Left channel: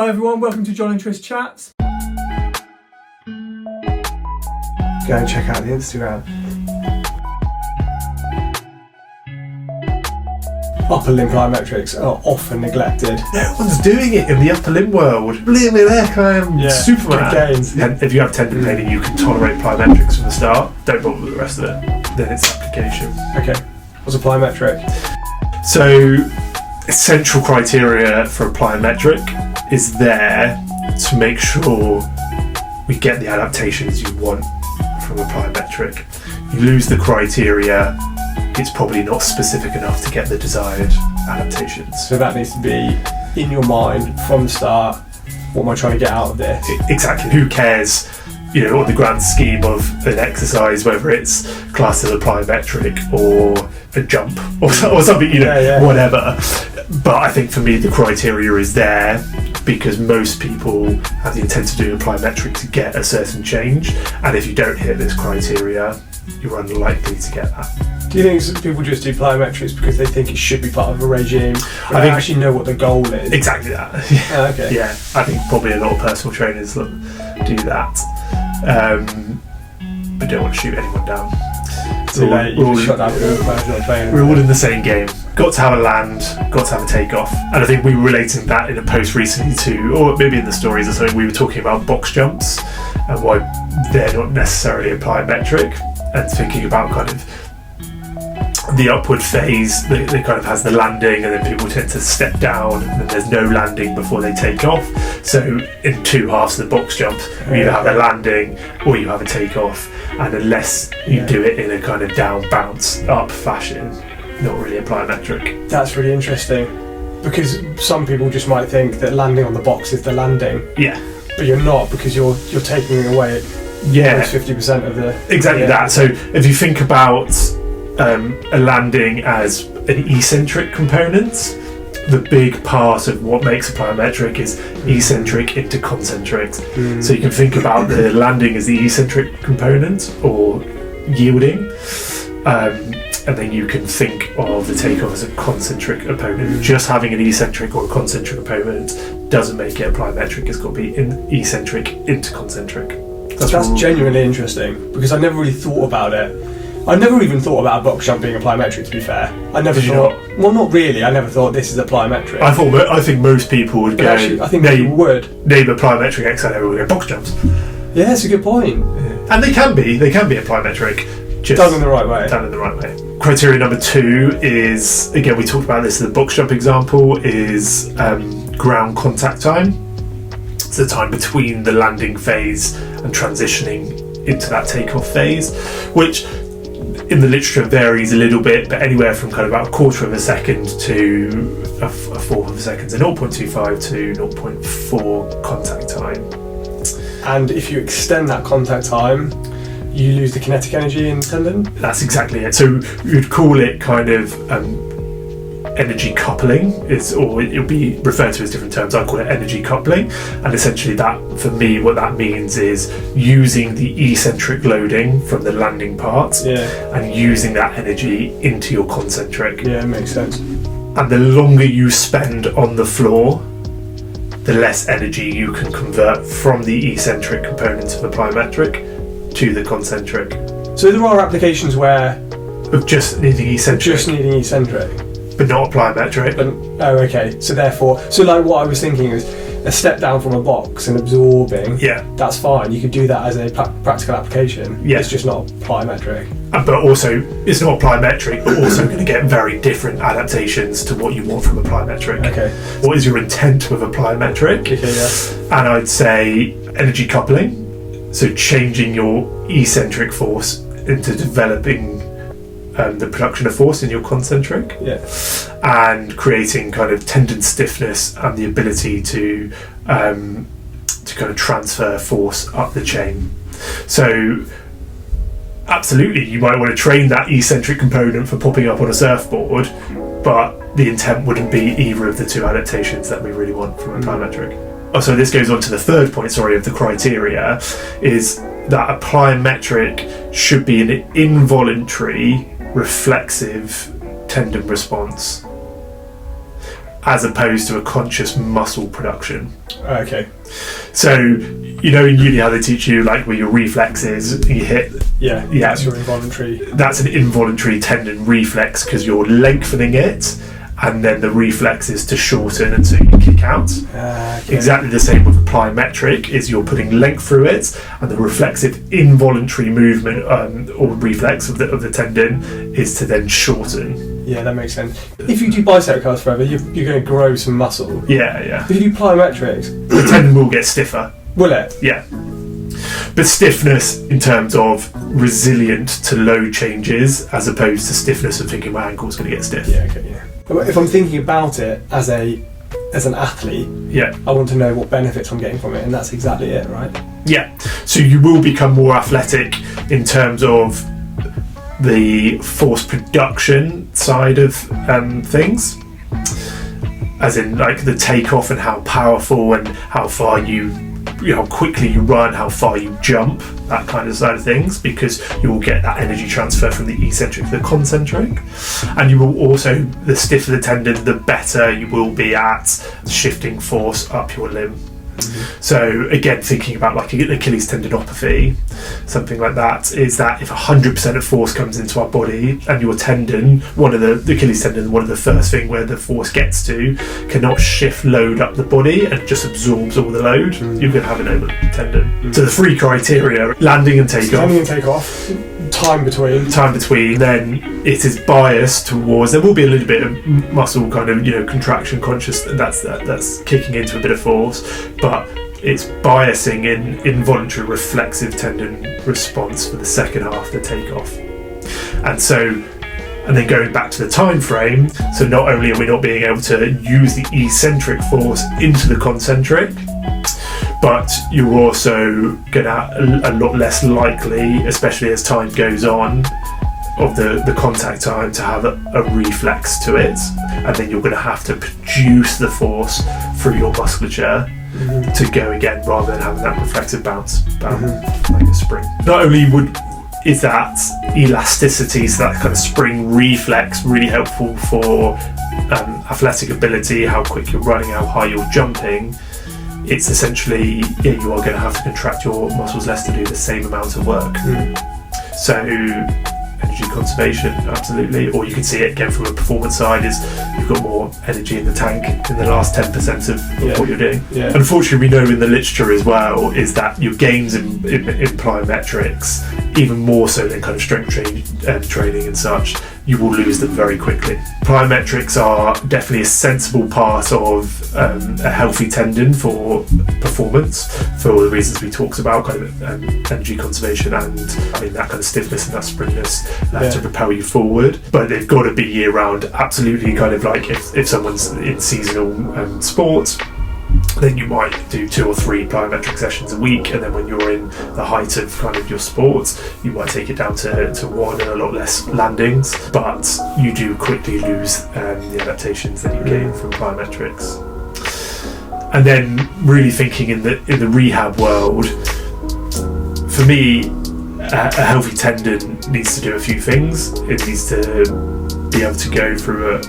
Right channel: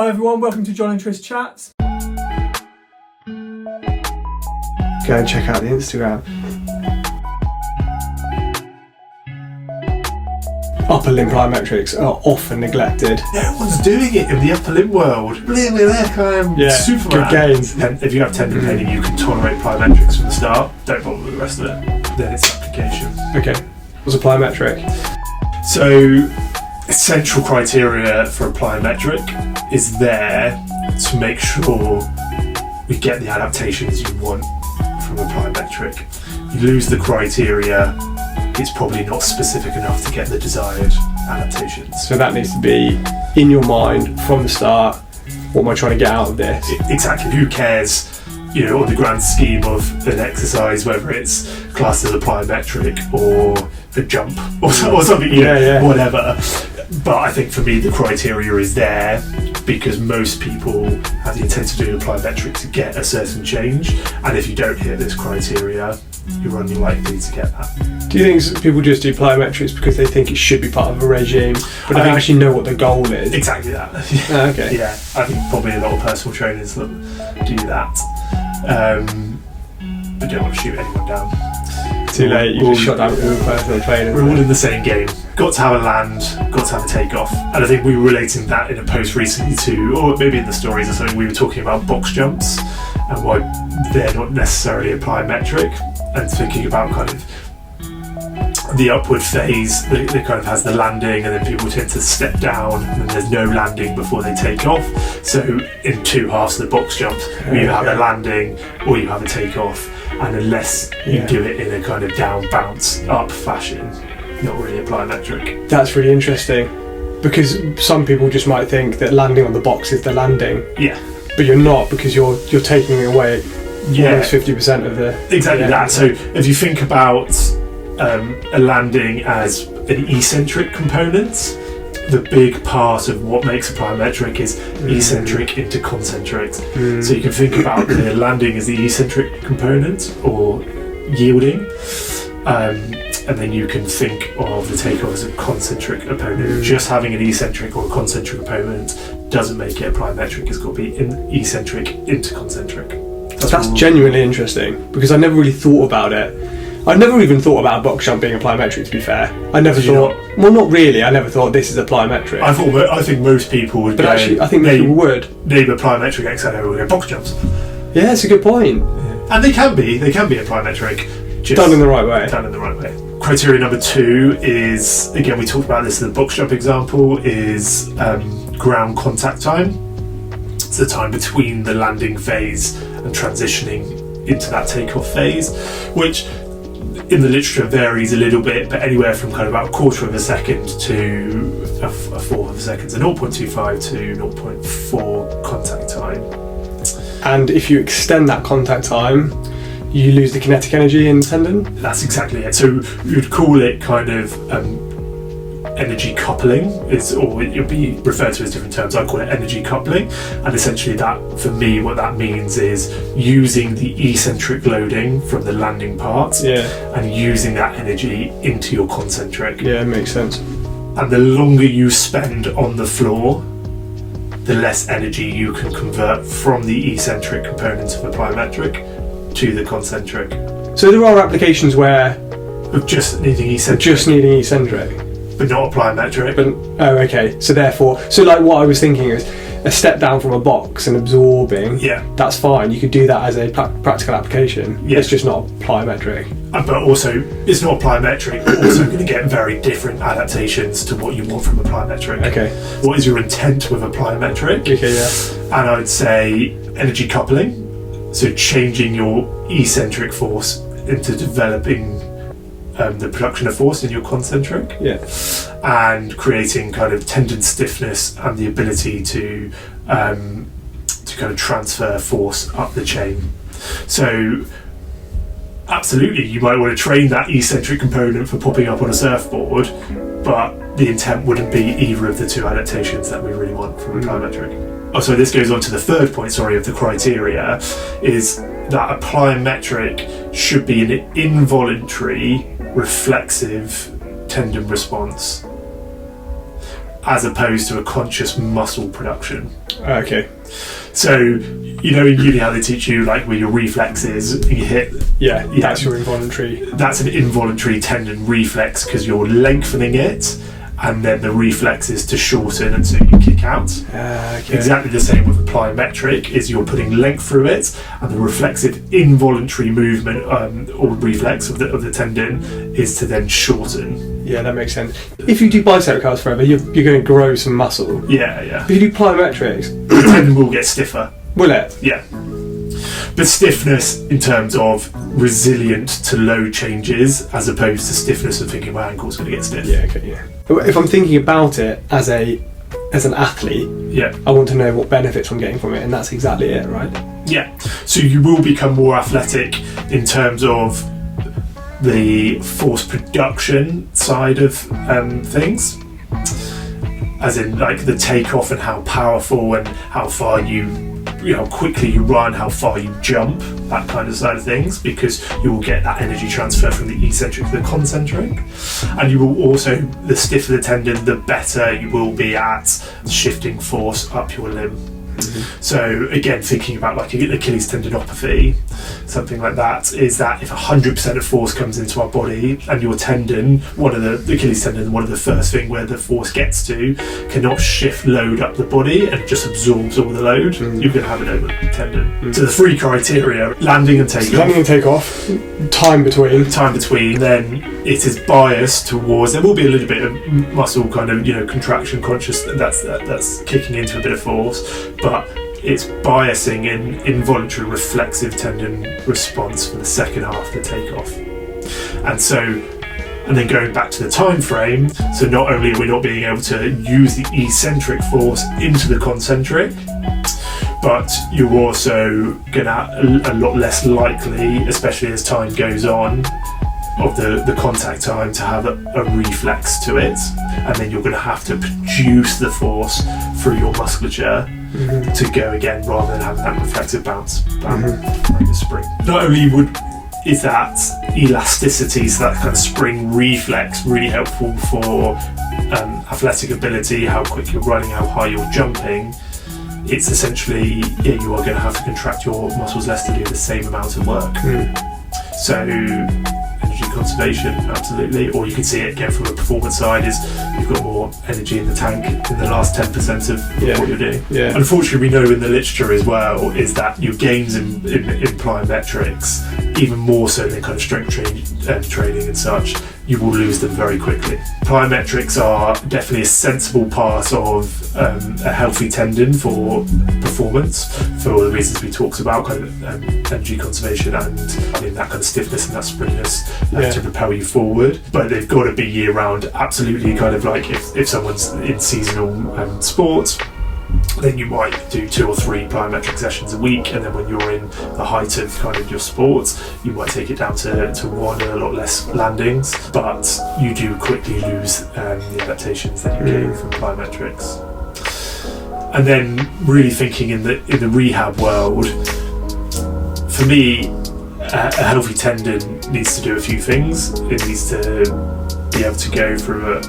Hi everyone, welcome to John and Tris Chats. Go and check out the Instagram. Upper limb plyometrics are often neglected. No one's doing it in the upper limb world. Believe me, heck, I am Superman. Good gains. If you have tendon pain and you can tolerate plyometrics from the start, don't bother with the rest of it. Then it's application. Okay, what's a plyometric? So, essential criteria for a plyometric is there to make sure we get the adaptations you want from a plyometric. You lose the criteria, it's probably not specific enough to get the desired adaptations. So that needs to be in your mind from the start. What am I trying to get out of this? Exactly. Who cares, on the grand scheme of an exercise, whether it's classed as a plyometric or a jump or something, whatever. But I think for me the criteria is there because most people have the intent of doing a plyometric to get a certain change, and if you don't hit this criteria, you're unlikely to get that. Do you think people just do plyometrics because they think it should be part of a regime, but they actually know what the goal is? Exactly that. Okay. Yeah, I think probably a lot of personal trainers that do that. But don't want to shoot anyone down. Too late, you just shot down with a personal trainer. We're all in the same game. Got to have a land, got to have a takeoff. And I think we were relating that in a post recently to, or maybe in the stories or something, we were talking about box jumps and why they're not necessarily a plyometric, and thinking about kind of the upward phase that kind of has the landing, and then people tend to step down and then there's no landing before they take off. So in two halves of the box jump, you either have a landing or you have a takeoff, and unless you do it in a kind of down bounce up fashion, not really a plyometric. That's really interesting, because some people just might think that landing on the box is the landing. Yeah. But you're not, because you're taking away almost 50% of the... Exactly that. So if you think about a landing as an eccentric component, the big part of what makes a plyometric is eccentric into concentric. So you can think about the landing as the eccentric component or yielding, and then you can think of the takeoff as a concentric opponent. Just having an eccentric or a concentric opponent doesn't make it a plyometric. It's got to be eccentric into concentric. That's genuinely interesting, because I never really thought about it. I never even thought about a box jump being a plyometric, to be fair. I never thought... Well, not really. I never thought this is a plyometric. I think most people would go... Actually, I think people would. Name a plyometric exercise, everyone would go box jumps. Yeah, that's a good point. Yeah. And they can be a plyometric. Just done in the right way. Done in the right way. Criteria number 2 is, again, we talked about this in the box jump example, is ground contact time. It's the time between the landing phase and transitioning into that takeoff phase, which in the literature varies a little bit, but anywhere from kind of about a quarter of a second to a fourth of a second, so 0.25 to 0.4 contact time. And if you extend that contact time, you lose the kinetic energy in the tendon? That's exactly it. So you'd call it kind of energy coupling, or it'll be referred to as different terms. I call it energy coupling, and essentially that, for me, what that means is using the eccentric loading from the landing part and using that energy into your concentric. Yeah, it makes sense. And the longer you spend on the floor, the less energy you can convert from the eccentric component of a plyometric to the concentric. So there are applications where of just needing eccentric. But not a plyometric. Okay. So therefore, like what I was thinking is a step down from a box and absorbing. Yeah. That's fine. You could do that as a practical application. Yeah. It's just not plyometric. But also, it's not plyometric, but also going to get very different adaptations to what you want from a plyometric. Okay. What is your intent with a plyometric? Okay, yeah. And I'd say energy coupling. So changing your eccentric force into developing the production of force in your concentric, and creating kind of tendon stiffness and the ability to kind of transfer force up the chain. So absolutely, you might want to train that eccentric component for popping up on a surfboard, but the intent wouldn't be either of the two adaptations that we really want from a plyometric. Oh, so this goes on to the third point, of the criteria, is that a plyometric should be an involuntary reflexive tendon response. as opposed to a conscious muscle production. Okay. So, you know, in uni how they teach you like where your reflexes, you hit. Yeah, that's your involuntary. That's an involuntary tendon reflex because you're lengthening it, and then the reflex is to shorten and so you kick out. Okay. Exactly the same with the plyometric, is you're putting length through it, and the reflexive involuntary movement or reflex of the tendon is to then shorten. Yeah, that makes sense. If you do bicep curls forever, you're going to grow some muscle. Yeah. If you do plyometrics, The tendon will get stiffer. will it? Yeah. But stiffness in terms of resilient to load changes, as opposed to stiffness of thinking my ankle's going to get stiff. Yeah, okay, yeah. But if I'm thinking about it as an athlete, Yeah. I want to know what benefits I'm getting from it, and that's exactly it, right? Yeah. So you will become more athletic in terms of the force production side of things, as in like the takeoff and how powerful and how far how quickly you run, how far you jump, that kind of side of things, because you will get that energy transfer from the eccentric to the concentric. And you will also, the stiffer the tendon, the better you will be at shifting force up your limb. So again, thinking about like Achilles tendinopathy, something like that, is that if 100% of force comes into our body and your tendon, the Achilles tendon, one of the first thing where the force gets to, cannot shift load up the body and just absorbs all the load, you're going to have an over tendon. So the three criteria: landing and takeoff. Landing and takeoff, time between. Then it is biased towards. There will be a little bit of muscle kind of contraction conscious. That's kicking into a bit of force, but it's biasing in involuntary reflexive tendon response for the second half of the takeoff. And then going back to the time frame, so not only are we not being able to use the eccentric force into the concentric, but you're also gonna a lot less likely, especially as time goes on, of the contact time to have a reflex to it, and then you're going to have to produce the force through your musculature to go again, rather than having that reflexive bounce like a spring. Not only is that elasticity, so that kind of spring reflex, really helpful for athletic ability, how quick you're running, how high you're jumping. It's essentially, you are going to have to contract your muscles less to do the same amount of work. So energy conservation, absolutely. Or you can see it again from a performance side, is you've got more energy in the tank in the last 10% of what you're doing. Yeah. Unfortunately, we know in the literature as well is that your gains in plyometrics, even more so than kind of strength training and such, you will lose them very quickly. Plyometrics are definitely a sensible part of a healthy tendon for performance, for all the reasons we talked about, kind of energy conservation and that kind of stiffness and that springiness to propel you forward. But they've got to be year round. Absolutely, kind of like if someone's in seasonal sports, then you might do 2 or 3 plyometric sessions a week, and then when you're in the height of kind of your sports, you might take it down to 1 and a lot less landings, but you do quickly lose the adaptations that you gain from plyometrics. And then really thinking in the rehab world, for me, a healthy tendon needs to do a few things. It needs to be able to go through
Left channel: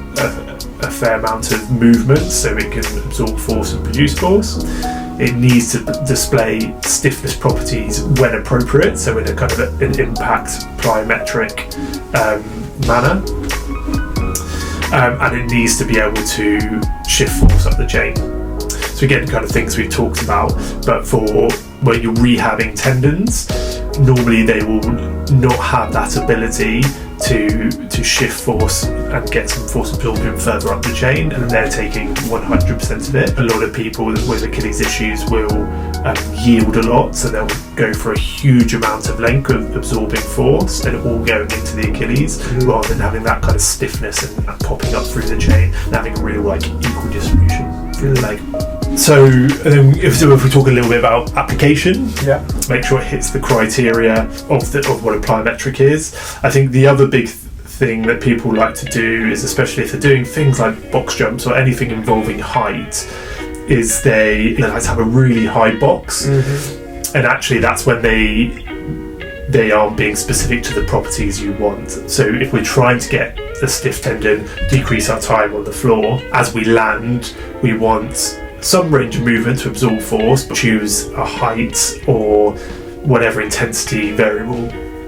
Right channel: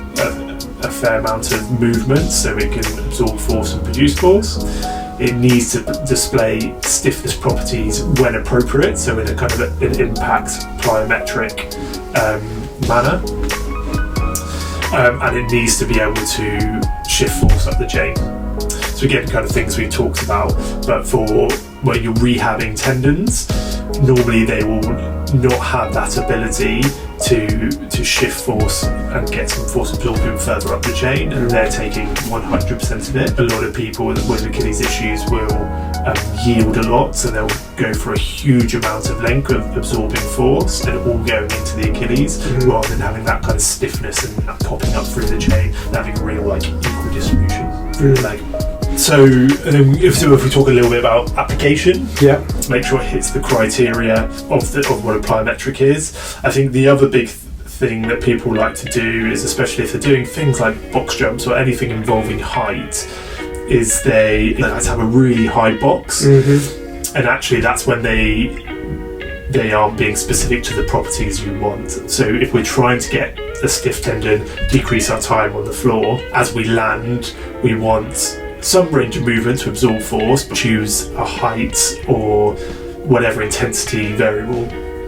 a fair amount of movement so it can absorb force and produce force. It needs to display stiffness properties when appropriate, so in a kind of an impact plyometric manner. And it needs to be able to shift force up the chain. So again, kind of things we've talked about, but for where you're rehabbing tendons, normally they will not have that ability to shift force and get some force absorption further up the chain, and they're taking 100% of it. A lot of people with Achilles issues will yield a lot, so they'll go for a huge amount of length of absorbing force and all going into the Achilles, rather than having that kind of stiffness and that popping up through the chain and having a real equal distribution through the leg. So if we talk a little bit about application, to make sure it hits the criteria of what a plyometric is, I think the other big thing that people like to do is, especially if they're doing things like box jumps or anything involving height, is they like to have a really high box, and actually that's when they aren't being specific to the properties you want. So if we're trying to get a stiff tendon, decrease our time on the floor. As we land, we want some range of movement to absorb force, but choose a height or whatever intensity variable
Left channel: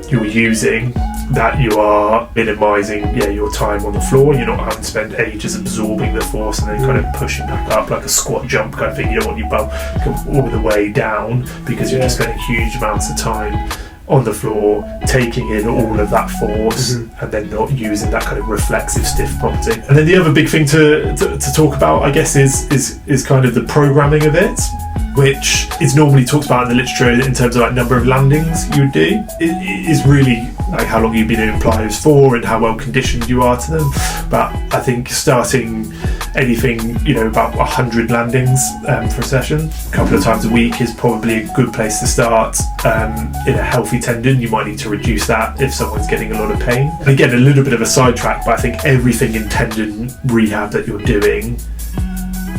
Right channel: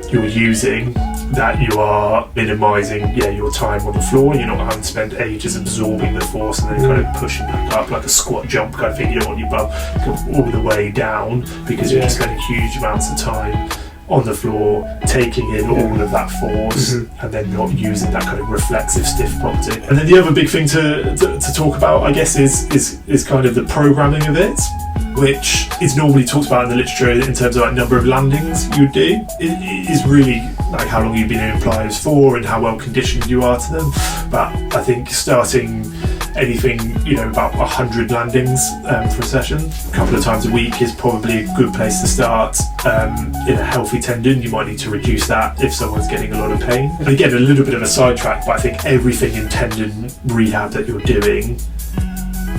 you're using that you are minimising your time on the floor. You're not having to spend ages absorbing the force and then kind of pushing back up like a squat jump kind of thing. You don't want your bum go all the way down because you're just spending huge amounts of time on the floor, taking in all of that force and then not using that kind of reflexive stiff property. And then the other big thing to talk about, I guess, is kind of the programming of it, which is normally talked about in the literature in terms of like number of landings you would do. It is really like how long you've been doing plyos for and how well conditioned you are to them. But I think starting anything, about 100 landings for a session, a couple of times a week is probably a good place to start. In a healthy tendon, you might need to reduce that if someone's getting a lot of pain. And again, a little bit of a sidetrack, but I think everything in tendon rehab that you're doing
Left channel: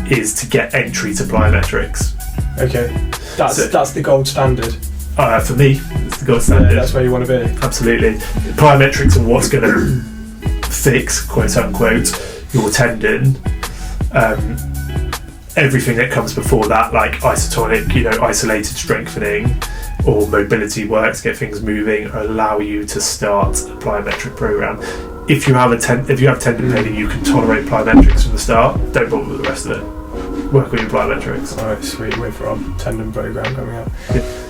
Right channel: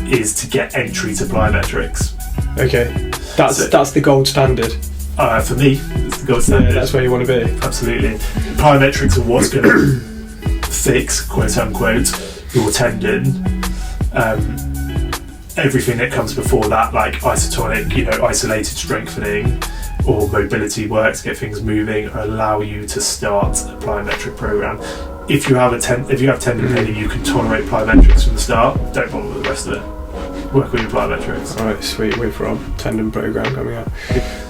is to get entry to plyometrics. Okay, that's the gold standard. For me, it's the gold standard. Yeah, that's where you want to be. Absolutely. Plyometrics are what's going to fix, quote unquote, your tendon. Everything that comes before that, like isotonic, isolated strengthening or mobility work to get things moving, allow you to start a plyometric program. If you have tendon pain and you can tolerate plyometrics from the start, don't bother with the rest of it. Work with your plyometrics. Alright, sweet. Wait for our tendon program coming up.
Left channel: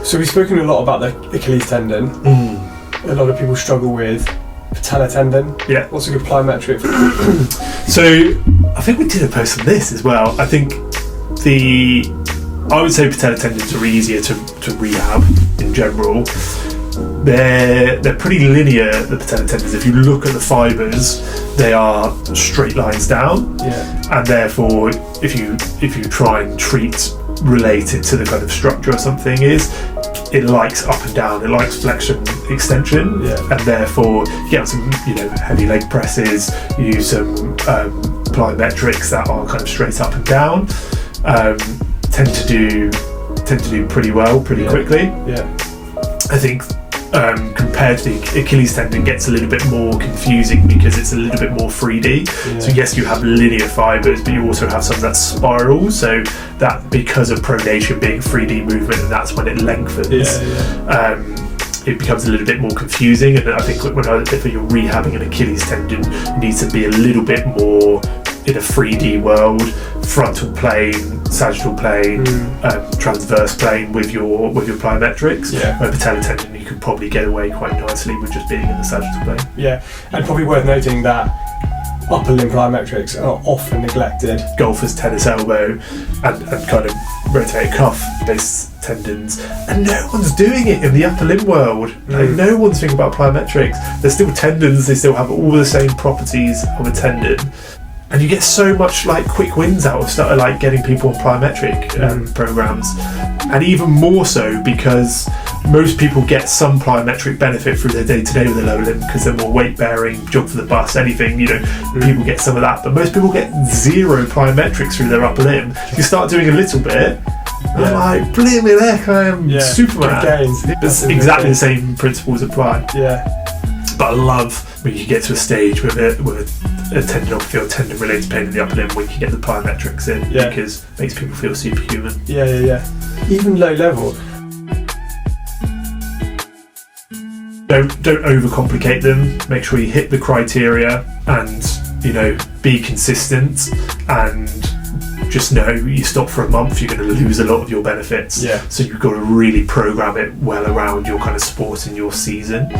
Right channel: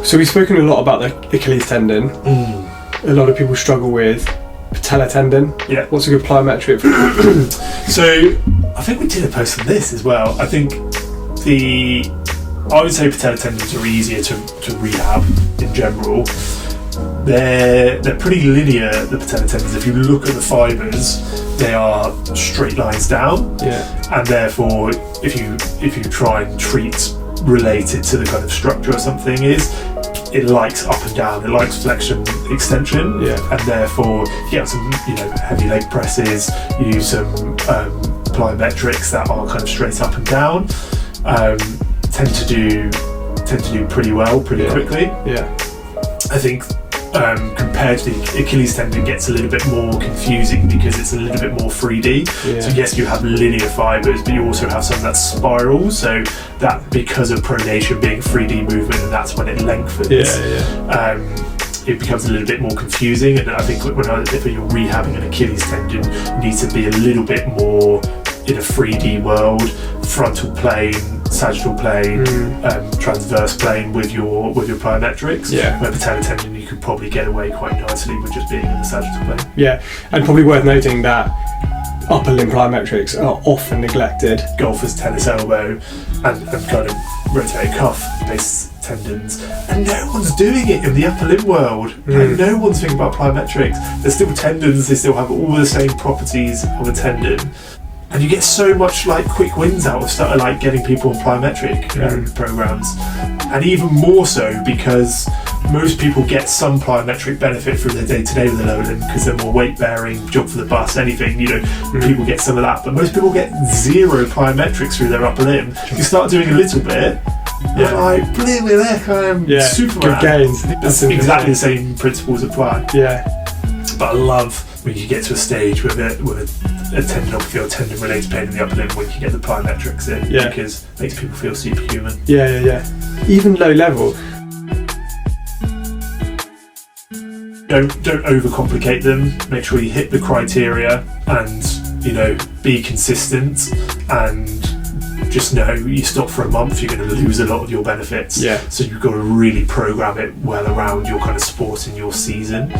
So we've spoken a lot about the Achilles tendon. A lot of people struggle with patellar tendon. Yeah. What's a good plyometric for? So I think we did a post on this as well. I think I would say patellar tendons are easier to rehab in general. They're pretty linear, the patellar tendons. If you look at the fibres, they are straight lines down. Yeah. And therefore, if you try and treat related to the kind of structure or something it likes up and down, it likes flexion, extension, and therefore you have some heavy leg presses, you use some plyometrics that are kind of straight up and down, tend to do pretty well pretty quickly. I think compared to the Achilles tendon, gets a little bit more confusing because it's a little bit more 3D. So yes, you have linear fibres, but you also have some that spiral, so that because of pronation being 3D movement, and that's when it lengthens, it becomes a little bit more confusing. And I think if you're rehabbing an Achilles tendon, you need to be a little bit more in a 3D world, frontal plane, sagittal plane, transverse plane with your plyometrics. Where patellar tendon, you can probably get away quite nicely with just being in the sagittal plane. Yeah, and probably worth noting that upper limb plyometrics are often neglected. Golfers, tennis elbow, and kind of rotator cuff based tendons, and no one's doing it in the upper limb world. Like, no one's thinking about plyometrics. They're still tendons, they still have all the same properties of a tendon. And you get so much like quick wins out of like getting people on plyometric programs, and even more so because most people get some plyometric benefit through their day-to-day with their lower limb because they're more weight bearing, jog for the bus, anything, people get some of that, but most people get zero plyometrics through their upper limb. You start doing a little bit, you're like, blimey heck, I am Superman. Good gains. That's exactly the same principles apply. But I love when you get to a stage with a tendinopathy or tendon related pain in the upper limb when you get the plyometrics in, because it makes people feel superhuman. Even low level. Don't overcomplicate them. Make sure you hit the criteria and be consistent, and just know you stop for a month, you're going to lose a lot of your benefits. So you've got to really program it well around your kind of sport and your season.